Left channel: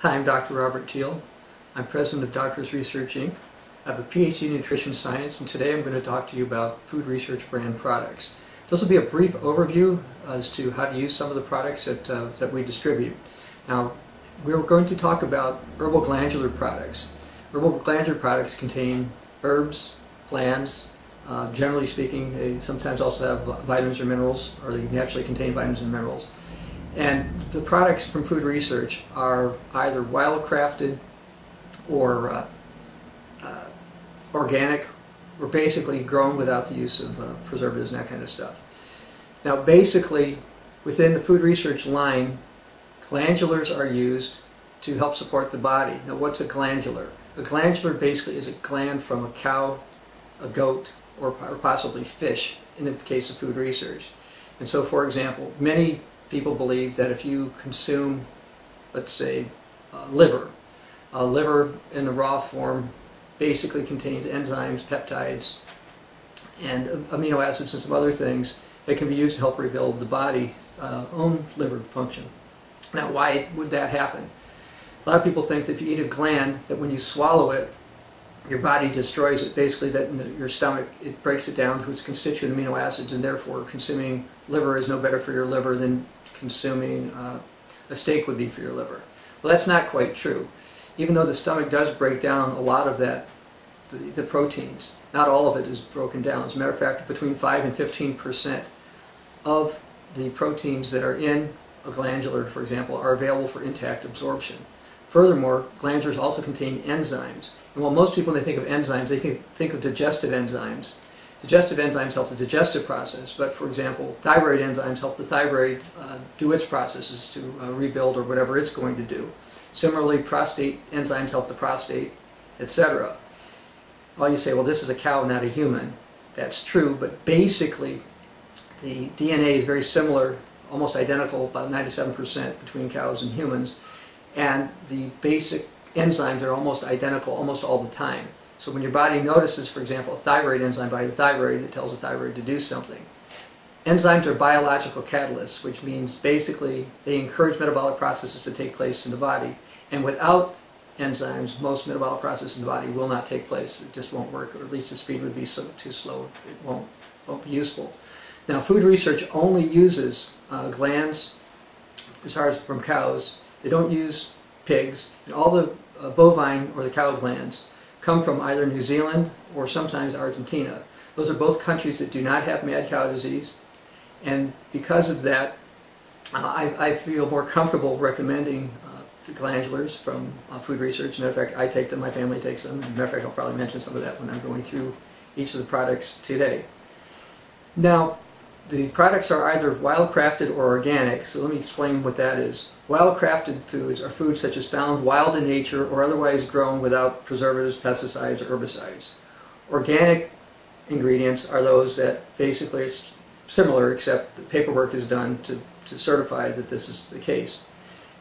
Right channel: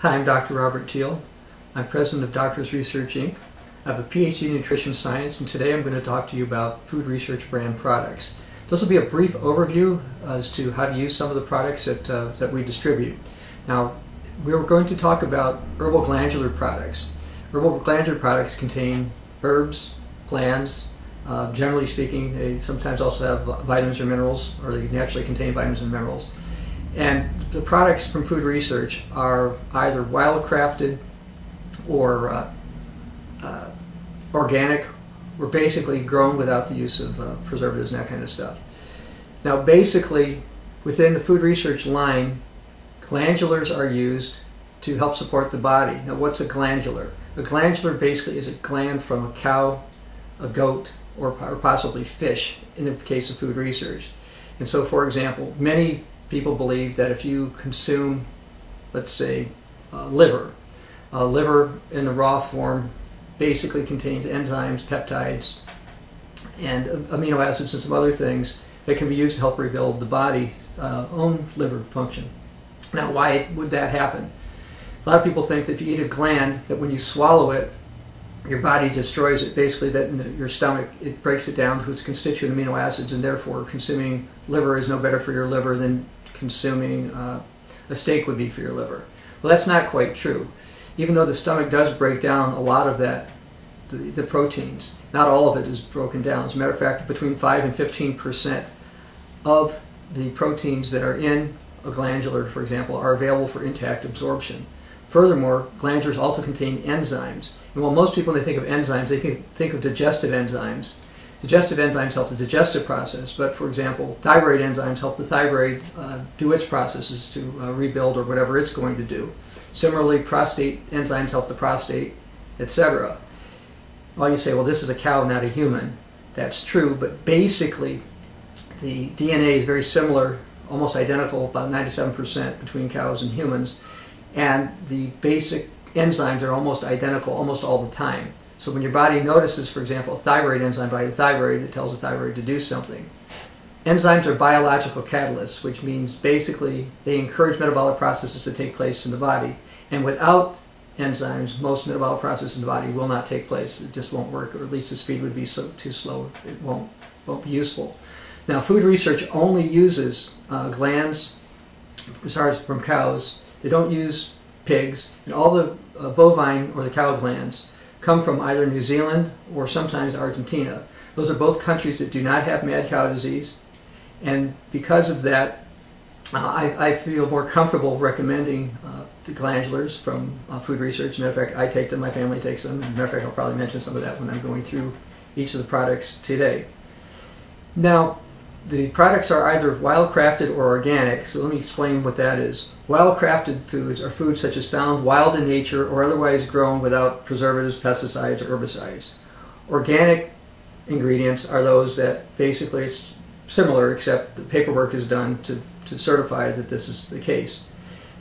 Hi, I'm Dr. Robert Teal. I'm president of Doctors Research Inc. I have a PhD in nutrition science, and today I'm going to talk to you about food research brand products. This will be a brief overview as to how to use some of the products that we distribute. Now, we're going to talk about herbal-glandular products. Herbal-glandular products contain herbs, glands. Generally speaking, they sometimes also have vitamins or minerals, or they naturally contain vitamins and minerals. And the products from food research are either wild-crafted or organic, or basically grown without the use of preservatives and that kind of stuff. Now, basically, within the food research line, glandulars are used to help support the body. Now, what's a glandular? A glandular basically is a gland from a cow, a goat, or possibly fish in the case of food research. And so, for example, many people believe that if you consume, let's say, liver in the raw form basically contains enzymes, peptides, and amino acids and some other things that can be used to help rebuild the body's own liver function. Now, why would that happen? A lot of people think that if you eat a gland, that when you swallow it, your body destroys it. Basically, that in your stomach, it breaks it down to its constituent amino acids, and therefore consuming liver is no better for your liver than consuming a steak would be for your liver. Well, that's not quite true. Even though the stomach does break down a lot of that, the proteins, not all of it is broken down. As a matter of fact, between 5 and 15% of the proteins that are in a glandular, for example, are available for intact absorption. Furthermore, glandulars also contain enzymes. And while most people, when they think of enzymes, they can think of digestive enzymes. Digestive enzymes help the digestive process, but for example, thyroid enzymes help the thyroid do its processes to rebuild or whatever it's going to do. Similarly, prostate enzymes help the prostate, etc. Well, you say, well, this is a cow, not a human. That's true, but basically the DNA is very similar, almost identical, about 97% between cows and humans, and the basic enzymes are almost identical almost all the time. So when your body notices, for example, a thyroid enzyme by the thyroid, it tells the thyroid to do something. Enzymes are biological catalysts, which means basically they encourage metabolic processes to take place in the body. And without enzymes, most metabolic processes in the body will not take place. It just won't work, or at least the speed would be too slow. It won't be useful. Now, food research only uses glands, as far as from cows. They don't use pigs, and all the bovine or the cow glands come from either New Zealand or sometimes Argentina. Those are both countries that do not have mad cow disease, and because of that, I feel more comfortable recommending the glandulars from food research. As a matter of fact, I take them, my family takes them. As a matter of fact, I'll probably mention some of that when I'm going through each of the products today. Now, the products are either wild-crafted or organic, so let me explain what that is. Wild-crafted foods are foods such as found wild in nature or otherwise grown without preservatives, pesticides, or herbicides. Organic ingredients are those that basically it's similar, except the paperwork is done to certify that this is the case.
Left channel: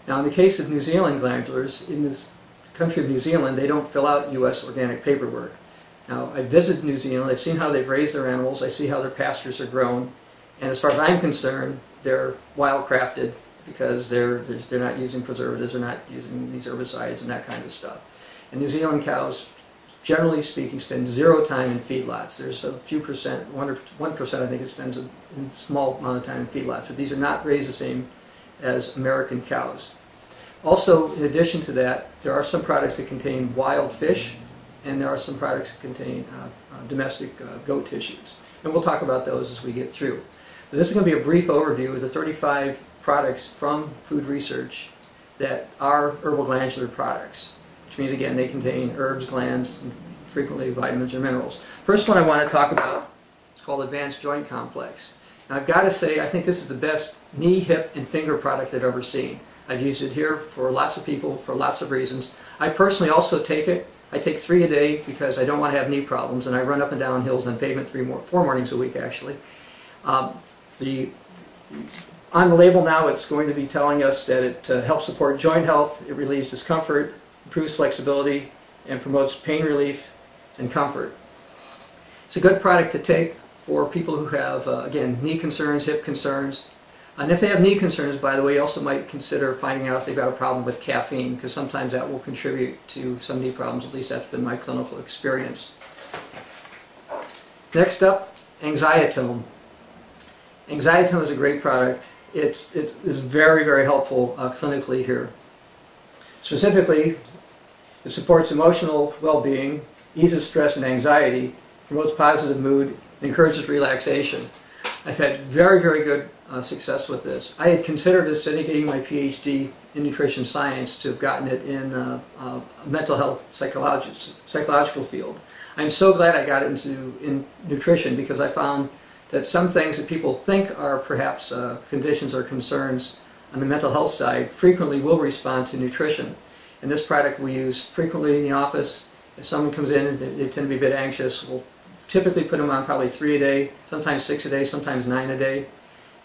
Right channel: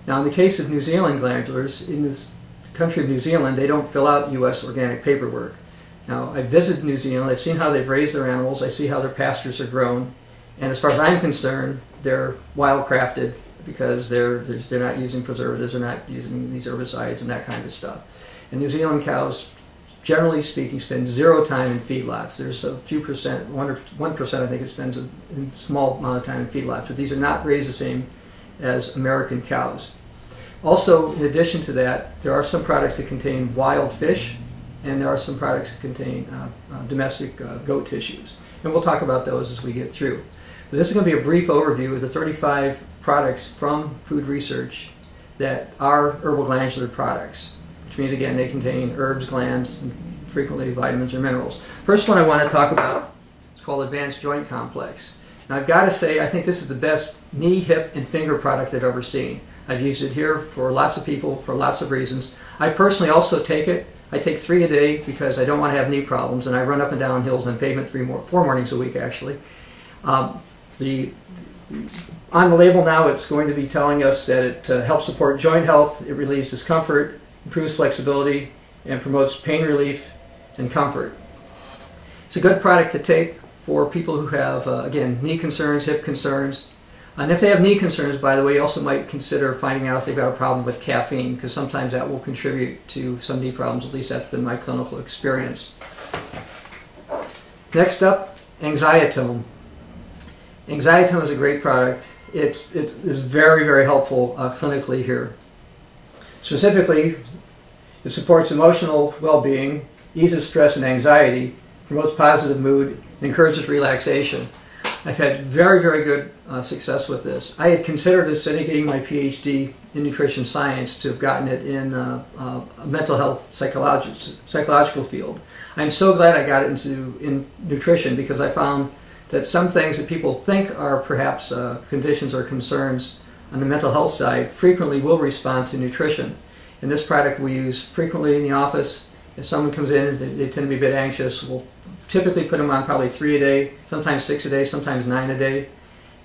Now, in the case of New Zealand glandulars, in this country of New Zealand, they don't fill out U.S. organic paperwork. Now, I visited New Zealand, I've seen how they've raised their animals, I see how their pastures are grown, and as far as I'm concerned, they're wild-crafted because they're not using preservatives, they're not using these herbicides and that kind of stuff. And New Zealand cows, generally speaking, spend zero time in feedlots. There's a few percent, 1% I think it spends a small amount of time in feedlots, but these are not raised the same as American cows. Also, in addition to that, there are some products that contain wild fish, and there are some products that contain domestic goat tissues. And we'll talk about those as we get through. But this is going to be a brief overview of the 35 products from food research that are herbal-glandular products, which means, again, they contain herbs, glands, and frequently vitamins or minerals. First one I want to talk about is called Advanced Joint Complex. Now, I've got to say, I think this is the best knee, hip, and finger product I've ever seen. I've used it here for lots of people for lots of reasons. I personally also take it. I take 3 a day because I don't want to have knee problems, and I run up and down hills on pavement 4 mornings a week, actually. On the label now, it's going to be telling us that it helps support joint health, it relieves discomfort, improves flexibility, and promotes pain relief and comfort. It's a good product to take for people who have, again, knee concerns, hip concerns. And if they have knee concerns, by the way, you also might consider finding out if they've got a problem with caffeine, because sometimes that will contribute to some knee problems. At least that's been my clinical experience. Next up, Anxietome. Anxietome is a great product. It is very, very helpful clinically here. Specifically, it supports emotional well-being, eases stress and anxiety, promotes positive mood, and encourages relaxation. I've had very, very good success with this. I had considered instead of getting my PhD in nutrition science to have gotten it in a mental health psychological field. I'm so glad I got it in nutrition, because I found that some things that people think are perhaps conditions or concerns on the mental health side frequently will respond to nutrition. And this product we use frequently in the office. If someone comes in and they tend to be a bit anxious, we'll typically put them on probably 3 a day, sometimes 6 a day, sometimes 9 a day.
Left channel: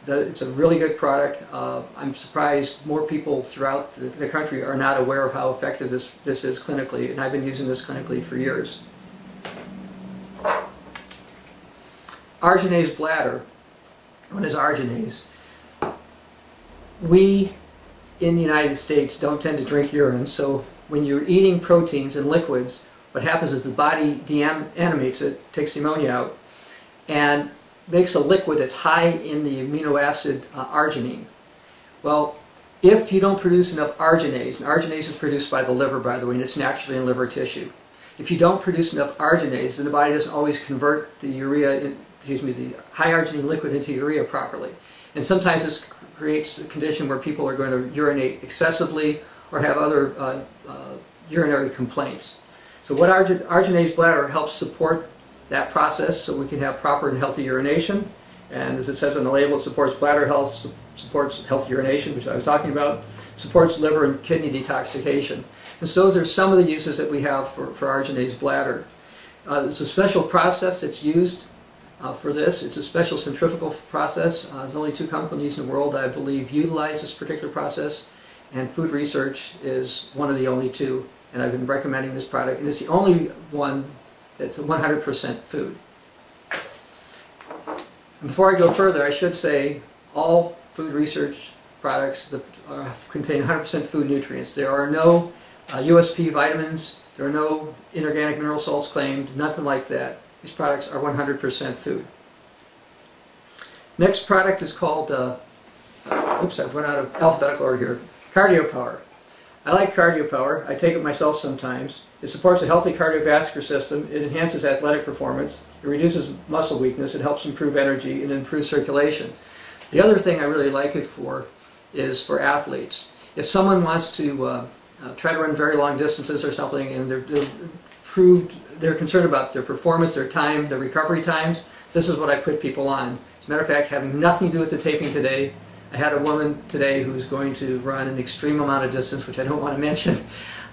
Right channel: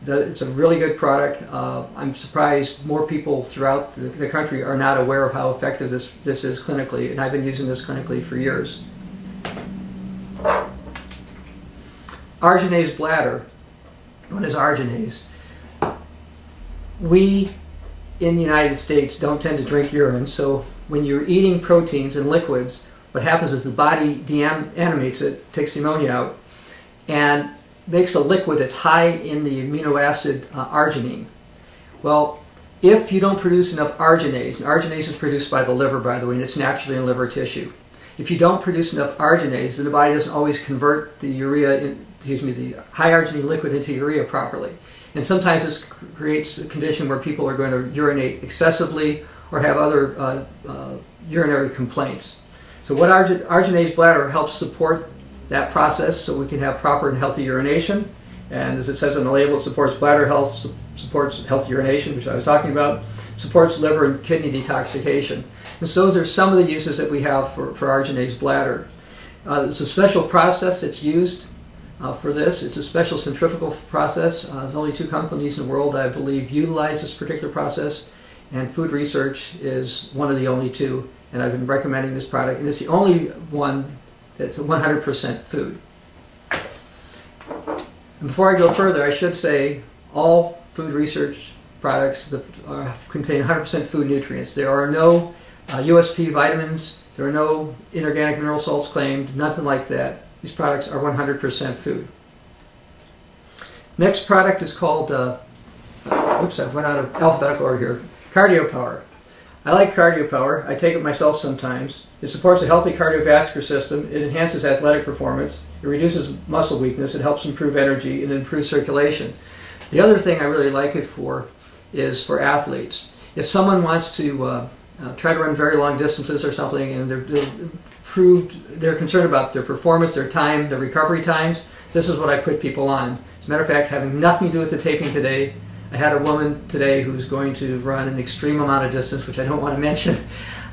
It's a really good product. I'm surprised more people throughout the country are not aware of how effective this is clinically, and I've been using this clinically for years. Arginase bladder. What is arginase? We in the United States don't tend to drink urine, so when you're eating proteins and liquids, what happens is the body deanimates it, takes the ammonia out, and makes a liquid that's high in the amino acid arginine. Well, if you don't produce enough arginase, and arginase is produced by the liver, by the way, and it's naturally in liver tissue. If you don't produce enough arginase, then the body doesn't always convert the the high arginine liquid into urea properly. And sometimes this creates a condition where people are going to urinate excessively or have other urinary complaints. So what arginase bladder helps support that process so we can have proper and healthy urination. And as it says on the label, it supports bladder health, supports healthy urination, which I was talking about, supports liver and kidney detoxification. And so those are some of the uses that we have for arginase bladder. It's a special process that's used for this. It's a special centrifugal process. There's only 2 companies in the world, I believe, utilize this particular process, and Food Research is one of the only 2. And I've been recommending this product, and it's the only one that's 100% food. And before I go further, I should say all Food Research products contain 100% food nutrients. There are no USP vitamins, there are no inorganic mineral salts claimed, nothing like that. These products are 100% food. Next product is called, oops, I've run out of alphabetical order here, Cardio Power. I like Cardio Power. I take it myself sometimes. It supports a healthy cardiovascular system. It enhances athletic performance. It reduces muscle weakness. It helps improve energy and improve circulation. The other thing I really like it for is for athletes. If someone wants to try to run very long distances or something, and they're concerned about their performance, their time, their recovery times, this is what I put people on. As a matter of fact, having nothing to do with the taping today, I had a woman today who's going to run an extreme amount of distance, which I don't want to mention,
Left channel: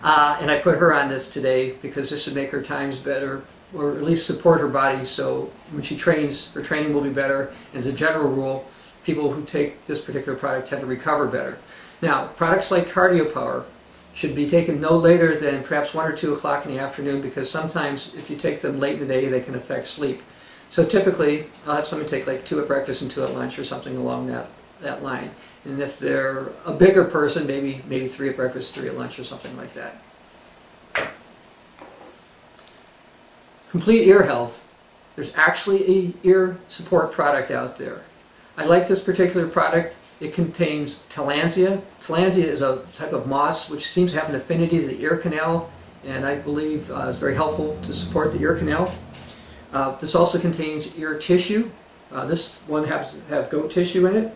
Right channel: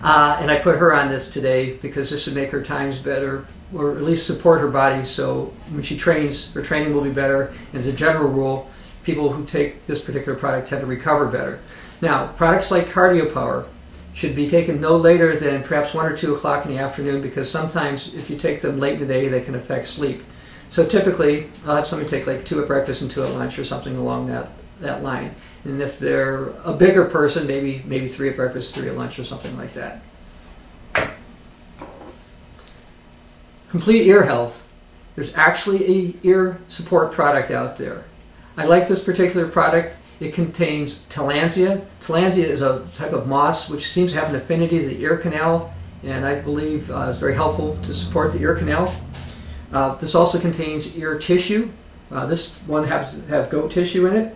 and I put her on this today because this would make her times better, or at least support her body, so when she trains, her training will be better. And as a general rule, people who take this particular product tend to recover better. Now, products like Cardio Power should be taken no later than perhaps 1 or 2 o'clock in the afternoon, because sometimes if you take them late in the day, they can affect sleep. So typically, I'll have someone take like 2 at breakfast and 2 at lunch or something along that line. And if they're a bigger person, maybe 3 at breakfast, 3 at lunch, or something like that. Complete ear health. There's actually a ear support product out there. I like this particular product. It contains tillandsia. Tillandsia is a type of moss which seems to have an affinity to the ear canal, and I believe is very helpful to support the ear canal. This also contains ear tissue. This one has goat tissue in it.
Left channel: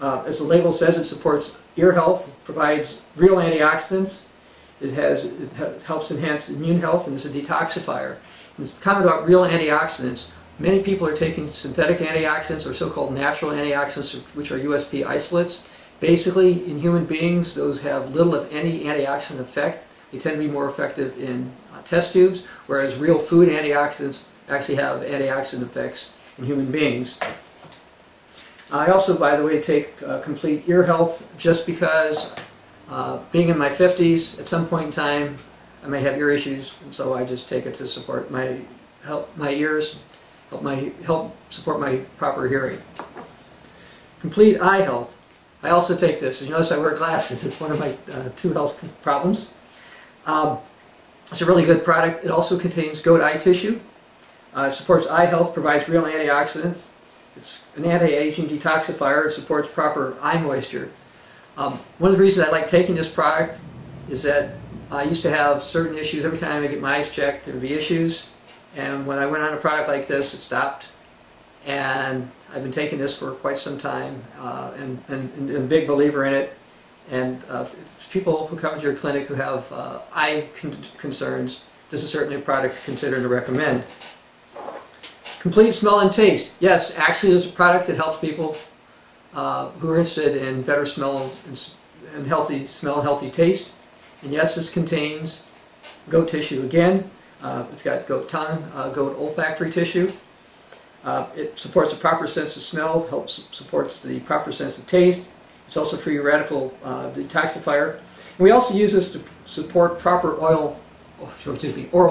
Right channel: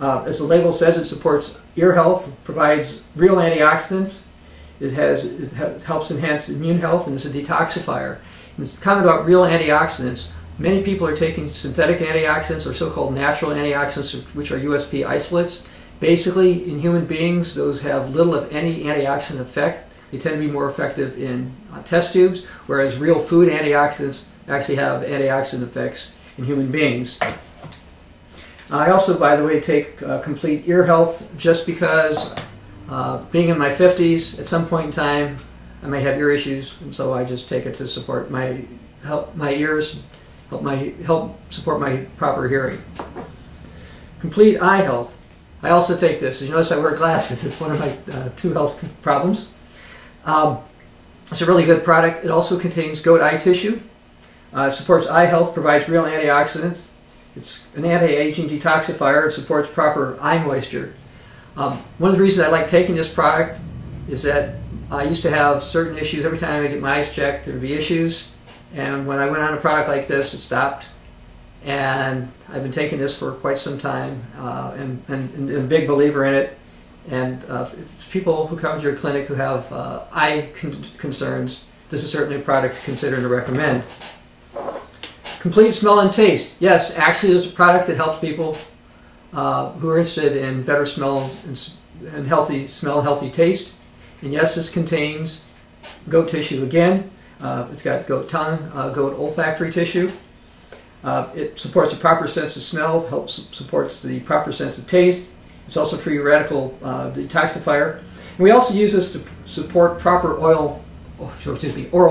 As the label says, it supports ear health, provides real antioxidants. It helps enhance immune health, and it's a detoxifier. And it's comment about real antioxidants. Many people are taking synthetic antioxidants or so-called natural antioxidants, which are USP isolates. Basically, in human beings, those have little if any antioxidant effect. They tend to be more effective in test tubes, whereas real food antioxidants actually have antioxidant effects in human beings. I also, by the way, take complete ear health just because being in my 50s, at some point in time, I may have ear issues, and so I just take it to support my ears, help support my proper hearing. Complete eye health. I also take this. As you notice, I wear glasses. It's one of my two health problems. It's a really good product. It also contains goat eye tissue. It supports eye health, provides real antioxidants. It's an anti-aging detoxifier. It supports proper eye moisture. One of the reasons I like taking this product is that I used to have certain issues. Every time I get my eyes checked, there would be issues. And when I went on a product like this, it stopped. And I've been taking this for quite some time, and a big believer in it. And people who come to your clinic who have eye concerns, this is certainly a product to consider and to recommend. Complete smell and taste. Yes, actually there's a product that helps people who are interested in better smell and healthy smell and healthy taste. And yes, this contains goat tissue again. It's got goat tongue, goat olfactory tissue. It supports the proper sense of smell, supports the proper sense of taste. It's also a free radical detoxifier. And we also use this to support proper oral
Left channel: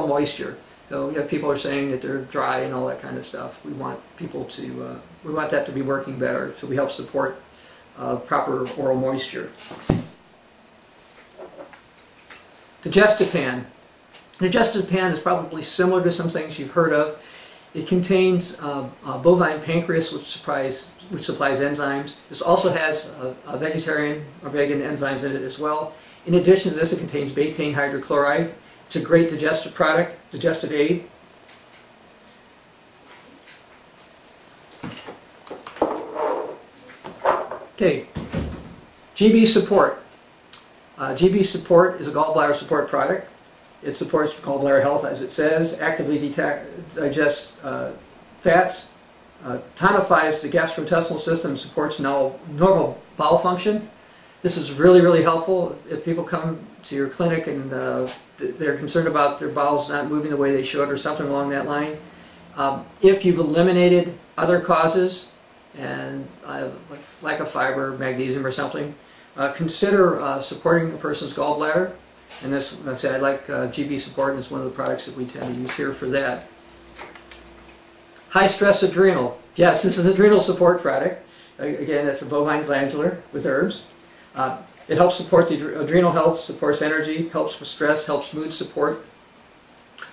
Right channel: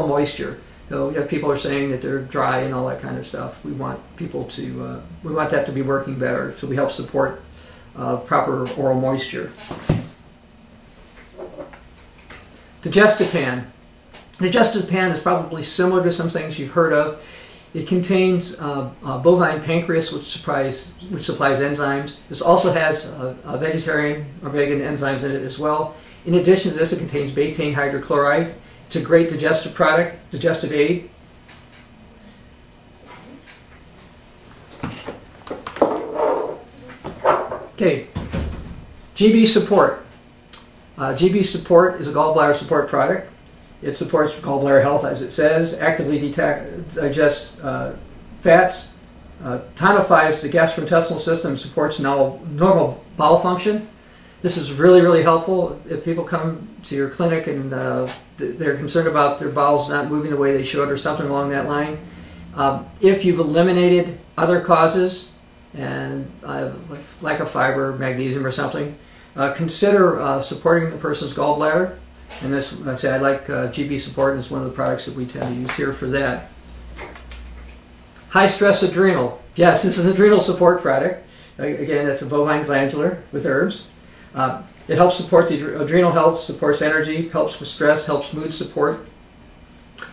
moisture. So we have people who are saying that they're dry and all that kind of stuff. We want people to, we want that to be working better. So we help support proper oral moisture. Digestive-Pan. Digestive-Pan is probably similar to some things you've heard of. It contains bovine pancreas, which supplies enzymes. This also has vegetarian or vegan enzymes in it as well. In addition to this, it contains betaine hydrochloride. It's a great digestive product, digestive aid. Okay, GB Support. GB Support is a gallbladder support product. It supports gallbladder health, as it says, actively digests fats, tonifies the gastrointestinal system, supports normal bowel function. This is really, really helpful if people come to your clinic and they're concerned about their bowels not moving the way they should or something along that line. If you've eliminated other causes and like lack of fiber, magnesium or something, consider supporting a person's gallbladder. And this, I like GB Support, and it's one of the products that we tend to use here for that. High stress adrenal. Yes, this is an adrenal support product. Again, that's a bovine glandular with herbs. It helps support the adrenal health, supports energy, helps with stress, helps mood support.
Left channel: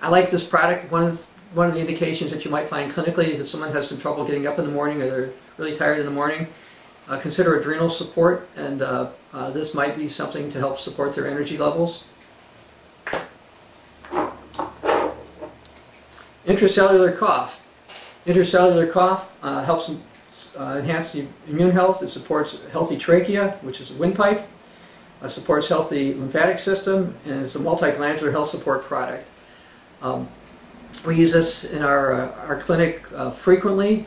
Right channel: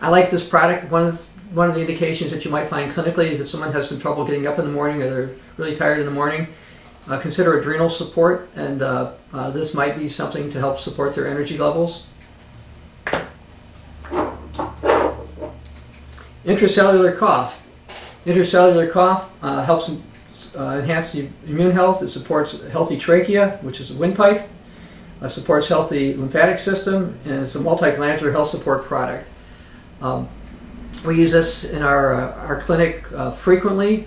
I like this product. One of the indications that you might find clinically is if someone has some trouble getting up in the morning or they're really tired in the morning, consider adrenal support, and this might be something to help support their energy levels. Intercellular Cough. Intercellular Cough helps enhance the immune health. It supports healthy trachea, which is a windpipe. Supports healthy lymphatic system, and it's a multi-glandular health support product. We use this in our clinic frequently.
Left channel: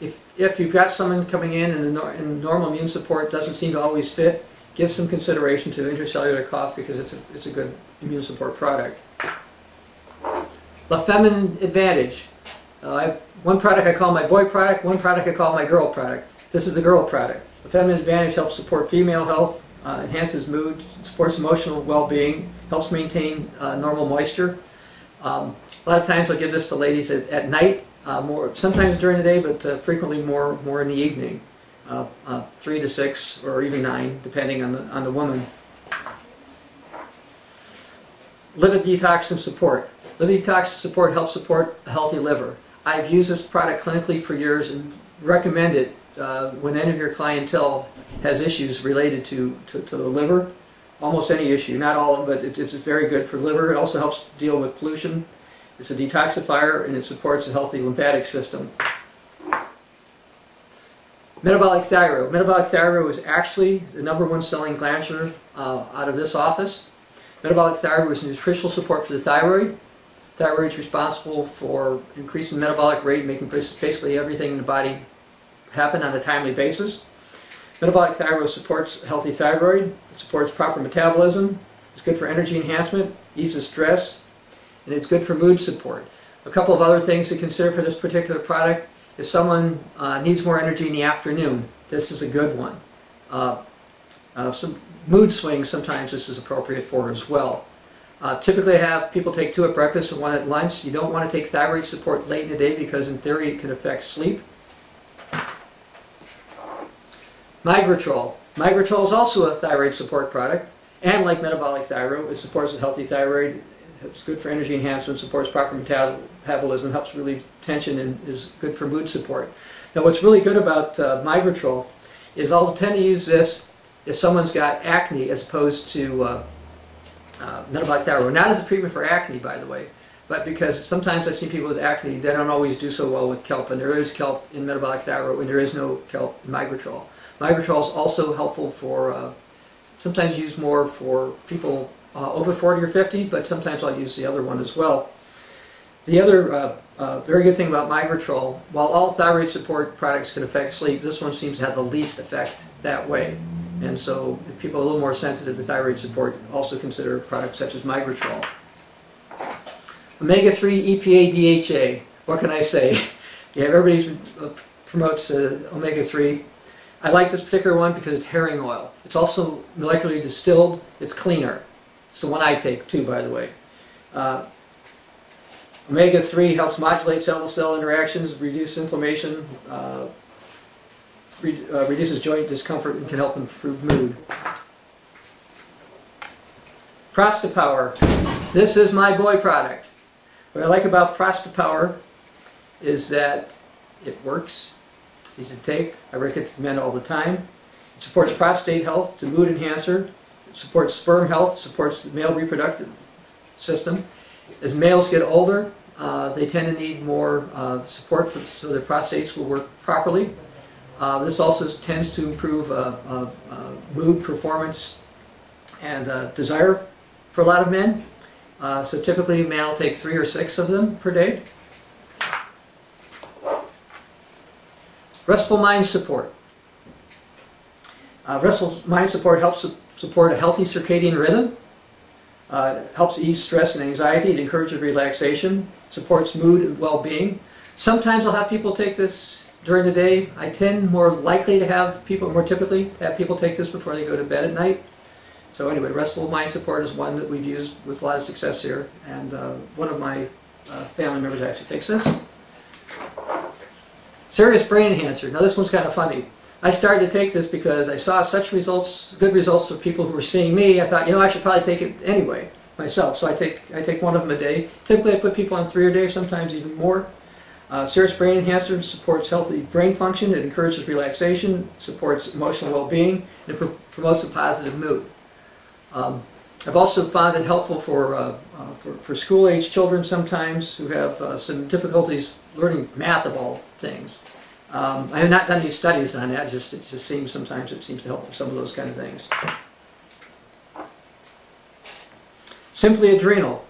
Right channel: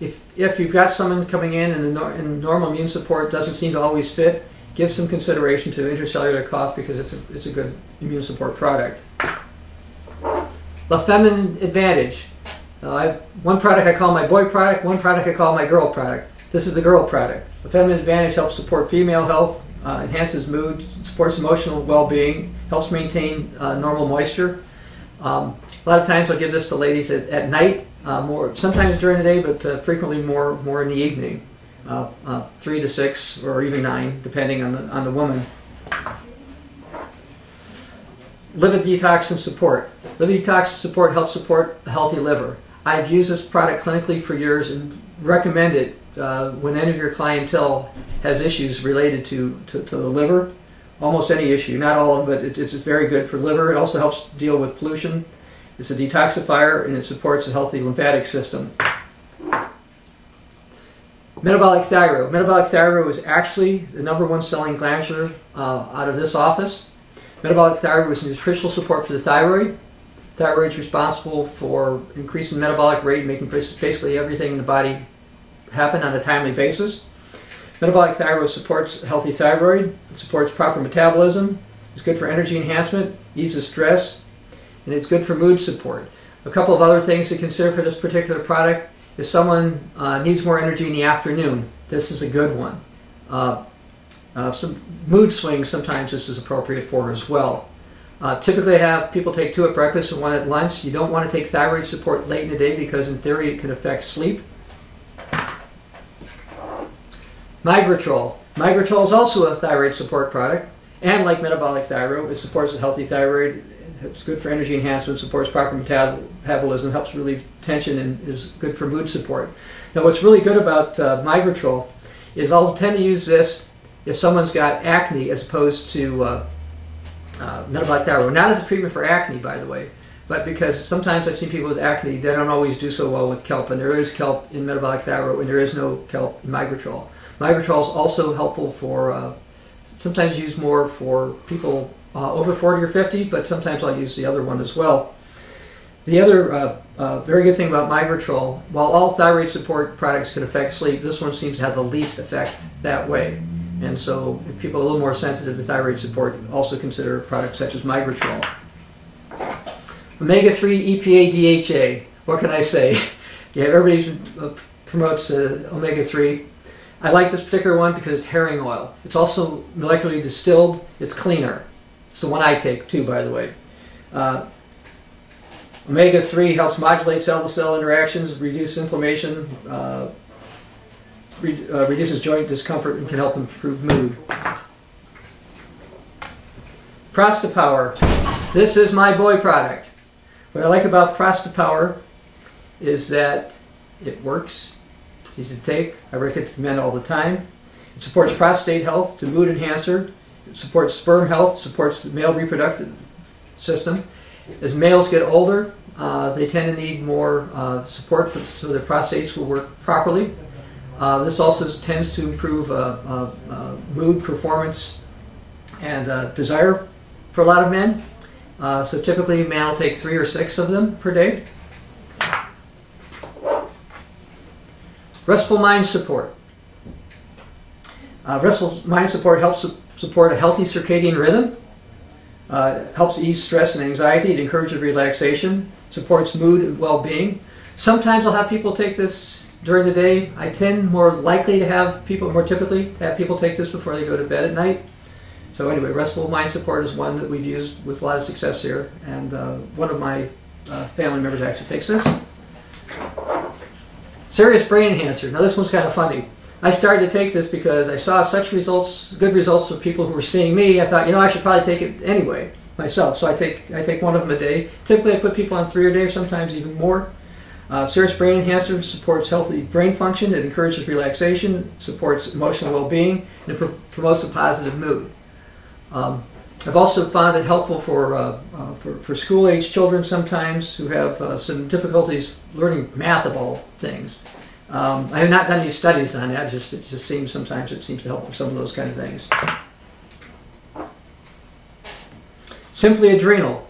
If you've got someone coming in and normal immune support doesn't seem to always fit, give some consideration to Intercellular Cough because it's a good immune support product. The Feminine Advantage. I have one product I call my boy product, one product I call my girl product. This is the girl product. The Feminine Advantage helps support female health, enhances mood, supports emotional well-being, helps maintain normal moisture. A lot of times I'll give this to ladies at night, more sometimes during the day, but frequently more in the evening, 3 to 6 or even 9, depending on the woman. Liver Detox and Support. Liver Detox and Support helps support a healthy liver. I've used this product clinically for years and recommend it when any of your clientele has issues related to the liver. Almost any issue, not all of them, but it's very good for liver. It also helps deal with pollution. It's a detoxifier, and it supports a healthy lymphatic system. Metabolic Thyroid. Metabolic Thyroid is actually the #1 selling glandular out of this office. Metabolic Thyroid is nutritional support for the thyroid. Thyroid is responsible for increasing the metabolic rate, making basically everything in the body happen on a timely basis. Metabolic Thyroid supports a healthy thyroid. It supports proper metabolism. It's good for energy enhancement, eases stress, and it's good for mood support. A couple of other things to consider for this particular product. If someone needs more energy in the afternoon, this is a good one. Some mood swings, sometimes this is appropriate for as well. Typically I have people take 2 at breakfast and 1 at lunch. You don't want to take thyroid support late in the day because in theory it can affect sleep. Migratrol. Migratrol is also a thyroid support product, and like metabolic thyroid, it supports a healthy thyroid. It's good for energy enhancement, supports proper metabolism, helps relieve tension, and is good for mood support. Now, what's really good about Migratrol is I'll tend to use this if someone's got acne as opposed to metabolic thyroid. Not as a treatment for acne, by the way, but because sometimes I've seen people with acne, they don't always do so well with kelp, and there is kelp in metabolic thyroid, and there is no kelp in Migratrol. Migratrol is also helpful for, sometimes used more for people over 40 or 50, but sometimes I'll use the other one as well. The other very good thing about Migratrol, while all thyroid support products can affect sleep, this one seems to have the least effect that way. And so if people are a little more sensitive to thyroid support, also consider products such as Migratrol. Omega3 EPA DHA. What can I say? Yeah, everybody promotes omega-3. I like this particular one because it's herring oil. It's also molecularly distilled. It's cleaner. It's the one I take too, by the way. Omega-3 helps modulate cell-to-cell interactions, reduce inflammation, reduces joint discomfort, and can help improve mood. Prostapower. This is my boy product. What I like about Prostapower is that it works. It's easy to take. I recommend it all the time. It supports prostate health. It's a mood enhancer. It supports sperm health. Supports the male reproductive system. As males get older, they tend to need more support so their prostates will work properly. This also tends to improve mood, performance, and desire for a lot of men. So typically a man will take 3 or 6 of them per day. Restful Mind Support. Restful Mind Support helps support a healthy circadian rhythm. Helps ease stress and anxiety. It encourages relaxation. Supports mood and well-being. Sometimes I'll have people take this during the day. I tend more typically to have people take this before they go to bed at night. So anyway, Restful Mind Support is one that we've used with a lot of success here, and one of my family members actually takes this. Serious Brain Enhancer. Now this one's kind of funny. I started to take this because I saw such results, good results of people who were seeing me. I thought, you know, I should probably take it anyway myself. So I take one of them a day. Typically I put people on 3 a day, sometimes even more. Serious Brain Enhancer supports healthy brain function. It encourages relaxation, supports emotional well-being, and it promotes a positive mood. I've also found it helpful for school-age children sometimes who have some difficulties learning math of all things. I have not done any studies on that. It just seems sometimes it seems to help with some of those kind of things. Simply Adrenal.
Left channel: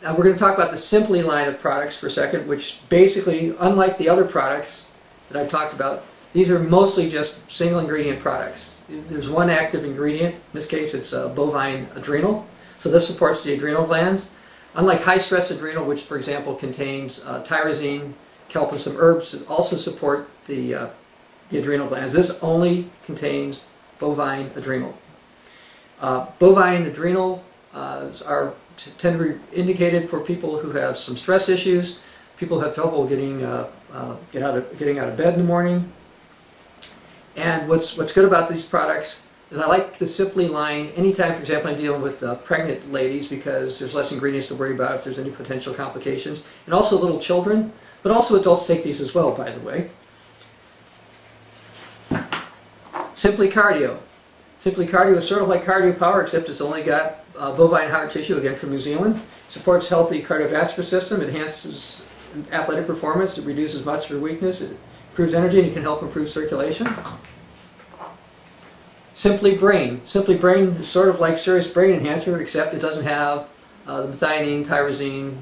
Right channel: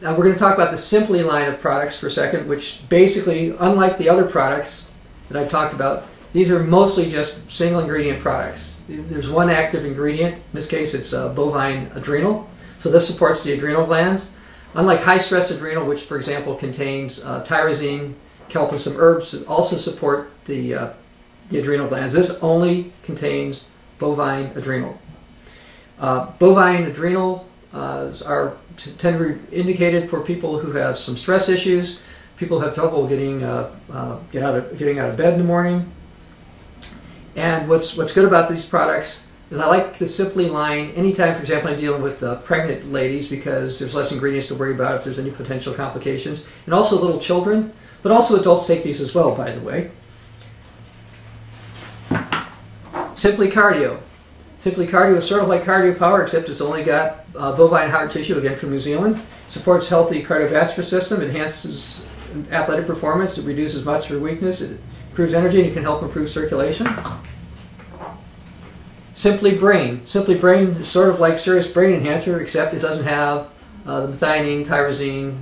Now we're going to talk about the Simply line of products for a second, which basically, unlike the other products that I've talked about, these are mostly just single ingredient products. There's one active ingredient. In this case, it's bovine adrenal. So this supports the adrenal glands. Unlike high-stress adrenal, which, for example, contains tyrosine, kelp, and some herbs that also support the adrenal glands, this only contains bovine adrenal. Bovine adrenal tend to be indicated for people who have some stress issues, people who have trouble getting out of bed in the morning. And what's good about these products is I like the Simply line anytime, for example, I'm dealing with pregnant ladies because there's less ingredients to worry about if there's any potential complications. And also little children, but also adults take these as well, by the way. Simply Cardio. Simply Cardio is sort of like Cardio Power, except it's only got bovine heart tissue, again from New Zealand. It supports healthy cardiovascular system, it enhances athletic performance, it reduces muscular weakness, it improves energy, and it can help improve circulation. Simply Brain. Simply Brain is sort of like Serious Brain Enhancer, except it doesn't have the methionine, tyrosine,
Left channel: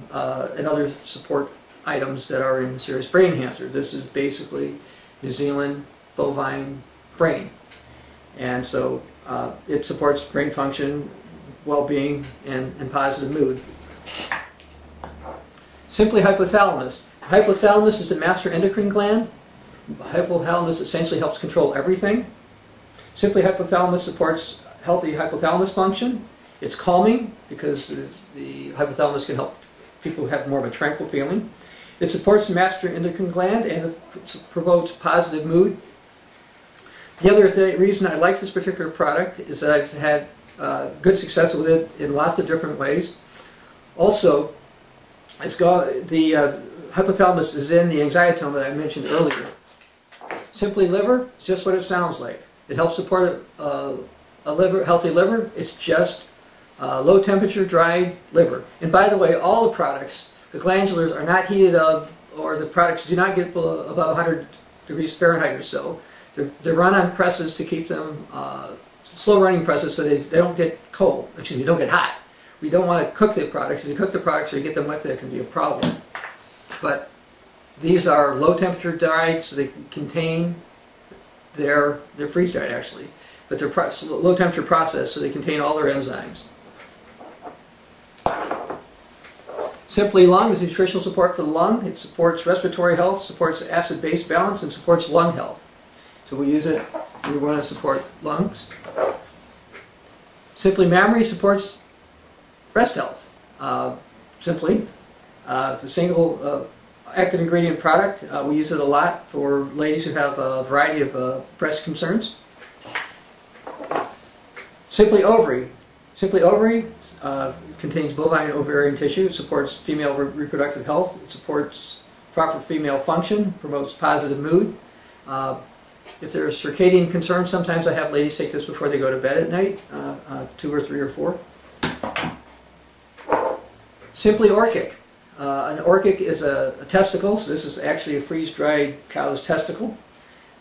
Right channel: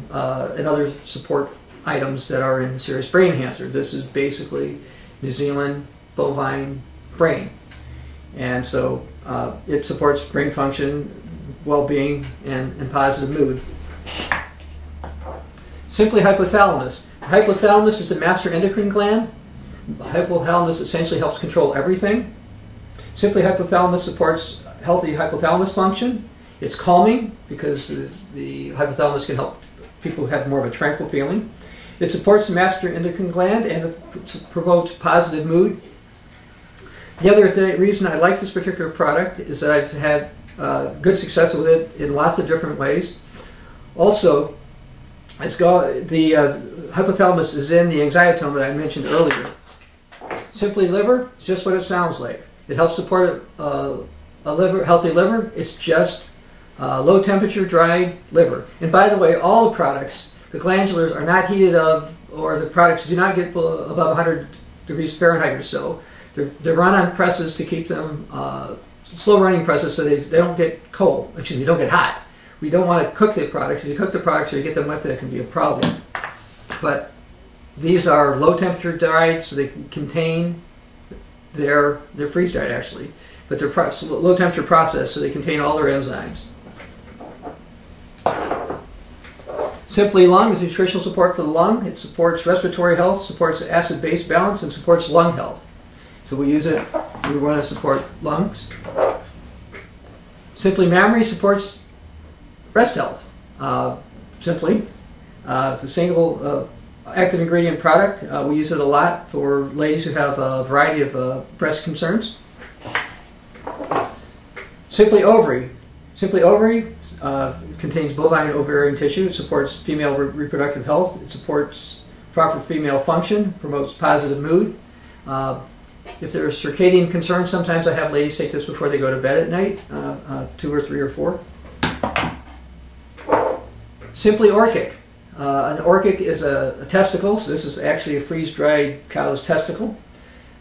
and other support items that are in the Serious Brain Enhancer. This is basically New Zealand bovine brain. And so it supports brain function, well-being, and positive mood. Simply Hypothalamus. Hypothalamus is a master endocrine gland. Hypothalamus essentially helps control everything. Simply Hypothalamus supports healthy hypothalamus function. It's calming because the hypothalamus can help people have more of a tranquil feeling. It supports the master endocrine gland and it promotes positive mood. The other reason I like this particular product is that I've had good success with it in lots of different ways. Also, the hypothalamus is in the anxietome that I mentioned earlier. Simply Liver is just what it sounds like. It helps support a healthy liver. It's just low temperature dried liver. And by the way, all the products, the glandulars are not heated up, or the products do not get above 100 degrees Fahrenheit or so. They're run on presses to keep them slow running presses so they don't get cold. Excuse me, don't get hot. We don't want to cook the products. If you cook the products or you get them wet, that can be a problem. But these are low temperature dried, so they contain they're freeze dried actually, but they're low temperature processed, so they contain all their enzymes. Simply Lung is nutritional support for the lung. It supports respiratory health, supports acid-base balance, and supports lung health. So we use it, we want to support lungs. Simply Mammary supports breast health. Simply, it's a single active ingredient product. We use it a lot for ladies who have a variety of breast concerns. Simply Ovary. Simply Ovary contains bovine ovarian tissue. It supports female reproductive health. It supports proper female function, promotes positive mood. If there's circadian concerns, sometimes I have ladies take this before they go to bed at night, 2 or 3 or 4. Simply Orchic. An orchic is a testicle, so this is actually a freeze-dried cow's testicle.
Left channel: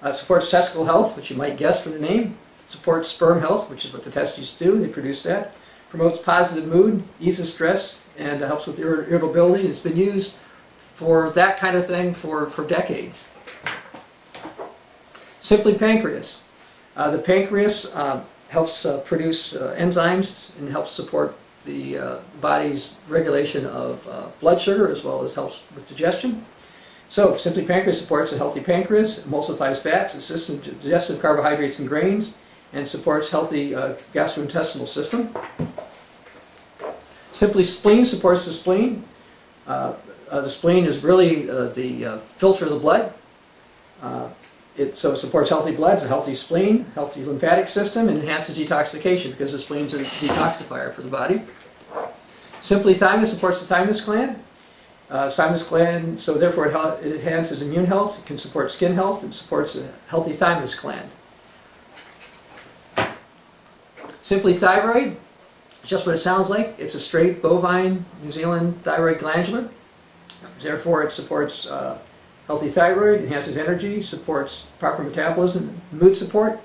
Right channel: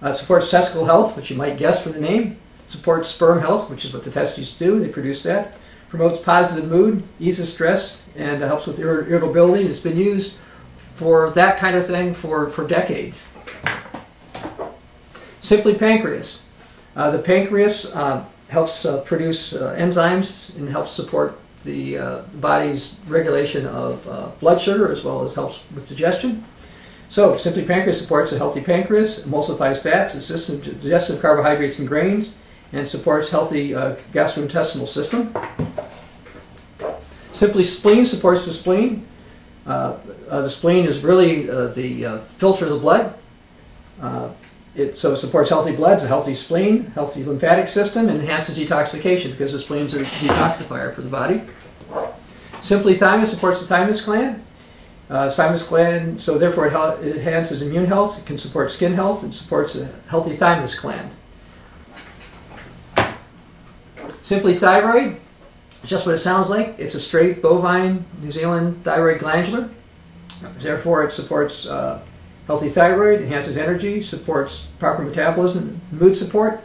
It supports testicle health, which you might guess from the name. It supports sperm health, which is what the testes do. They produce that. Promotes positive mood, eases stress, and helps with irritability. It's been used for that kind of thing for decades. Simply Pancreas. The pancreas helps produce enzymes and helps support the body's regulation of blood sugar, as well as helps with digestion. So, Simply Pancreas supports a healthy pancreas, emulsifies fats, assists in digestion of carbohydrates and grains, and supports healthy gastrointestinal system. Simply Spleen supports the spleen. The spleen is really the filter of the blood. So it supports healthy blood, it's a healthy spleen, healthy lymphatic system, and enhances detoxification because the spleen is a detoxifier for the body. Simply Thymus supports the thymus gland. Thymus gland, so therefore it enhances immune health, it can support skin health, it supports a healthy thymus gland. Simply Thyroid, just what it sounds like. It's a straight bovine New Zealand thyroid glandular. Therefore it supports healthy thyroid, enhances energy, supports proper metabolism, mood support.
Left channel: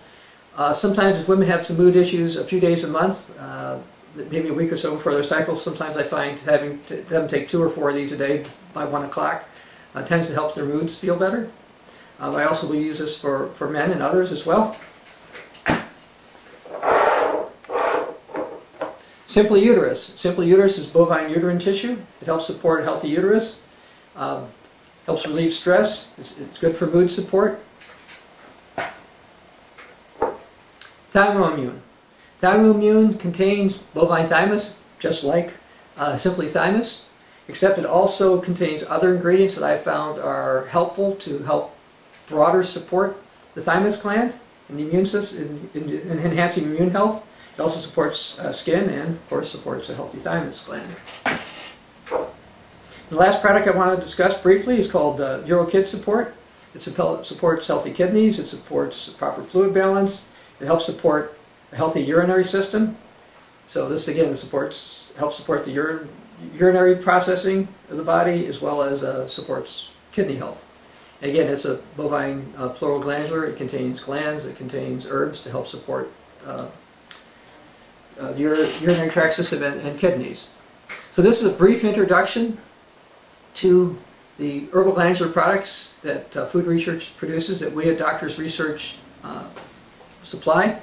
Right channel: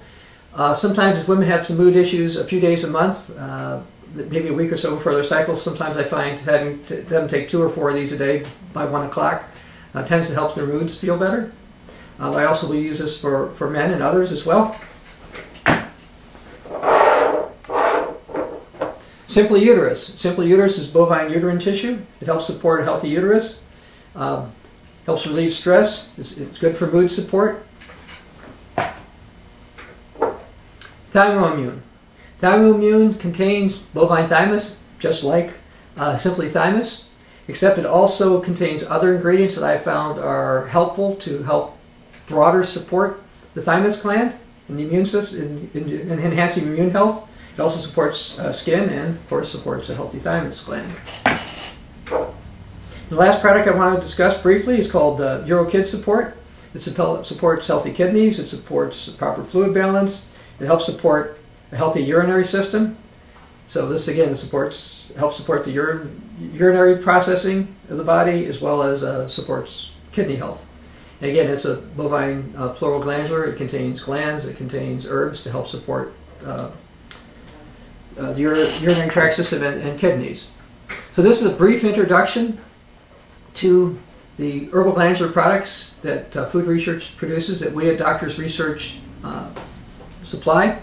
Sometimes if women have some mood issues a few days a month, maybe a week or so before their cycle, sometimes I find having them take 2 or 4 of these a day by 1 o'clock tends to help their moods feel better. I also will use this for men and others as well. Simply Uterus. Simply Uterus is bovine uterine tissue. It helps support a healthy uterus. Helps relieve stress. It's good for mood support. Thymoimmune. Thymoimmune contains bovine thymus, just like Simply Thymus, except it also contains other ingredients that I found are helpful to help broader support the thymus gland and the immune system, in enhancing immune health. It also supports skin and, of course, supports a healthy thymus gland. The last product I want to discuss briefly is called Eurokids Support. It supports healthy kidneys, it supports proper fluid balance, it helps support a healthy urinary system. So this again helps support the urinary processing of the body, as well as supports kidney health. And again, it's a bovine pleural glandular. It contains glands, it contains herbs to help support the urinary tract system and kidneys. So this is a brief introduction to the Herbal-Glandular products that food research produces, that we at Doctors Research supply.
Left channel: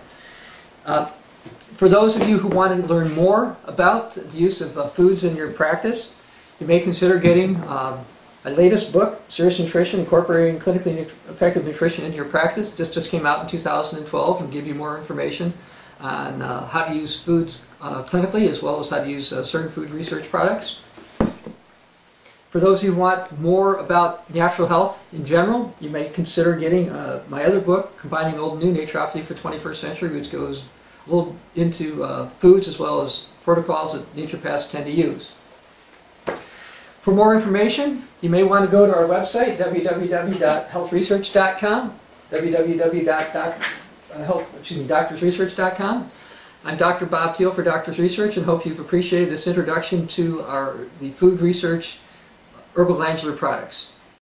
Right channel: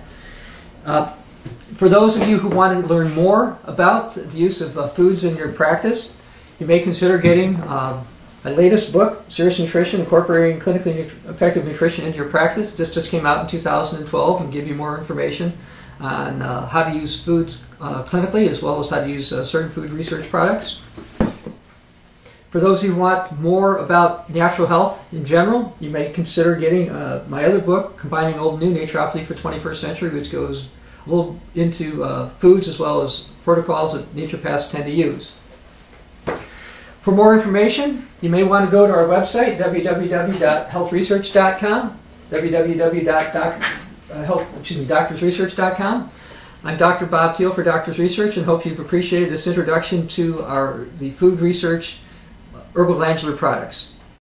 For those of you who want to learn more about the use of foods in your practice, you may consider getting my latest book, Serious Nutrition, Incorporating Clinically Effective Nutrition into Your Practice. This just came out in 2012 and give you more information on how to use foods clinically, as well as how to use certain food research products. For those who want more about natural health in general, you may consider getting my other book, Combining Old and New Naturopathy for 21st Century, which goes a little into foods as well as protocols that naturopaths tend to use. For more information, you may want to go to our website, www.healthresearch.com, doctorsresearch.com. I'm Dr. Bob Thiel for Doctors Research, and hope you've appreciated this introduction to the food research Herbal-Glandular products.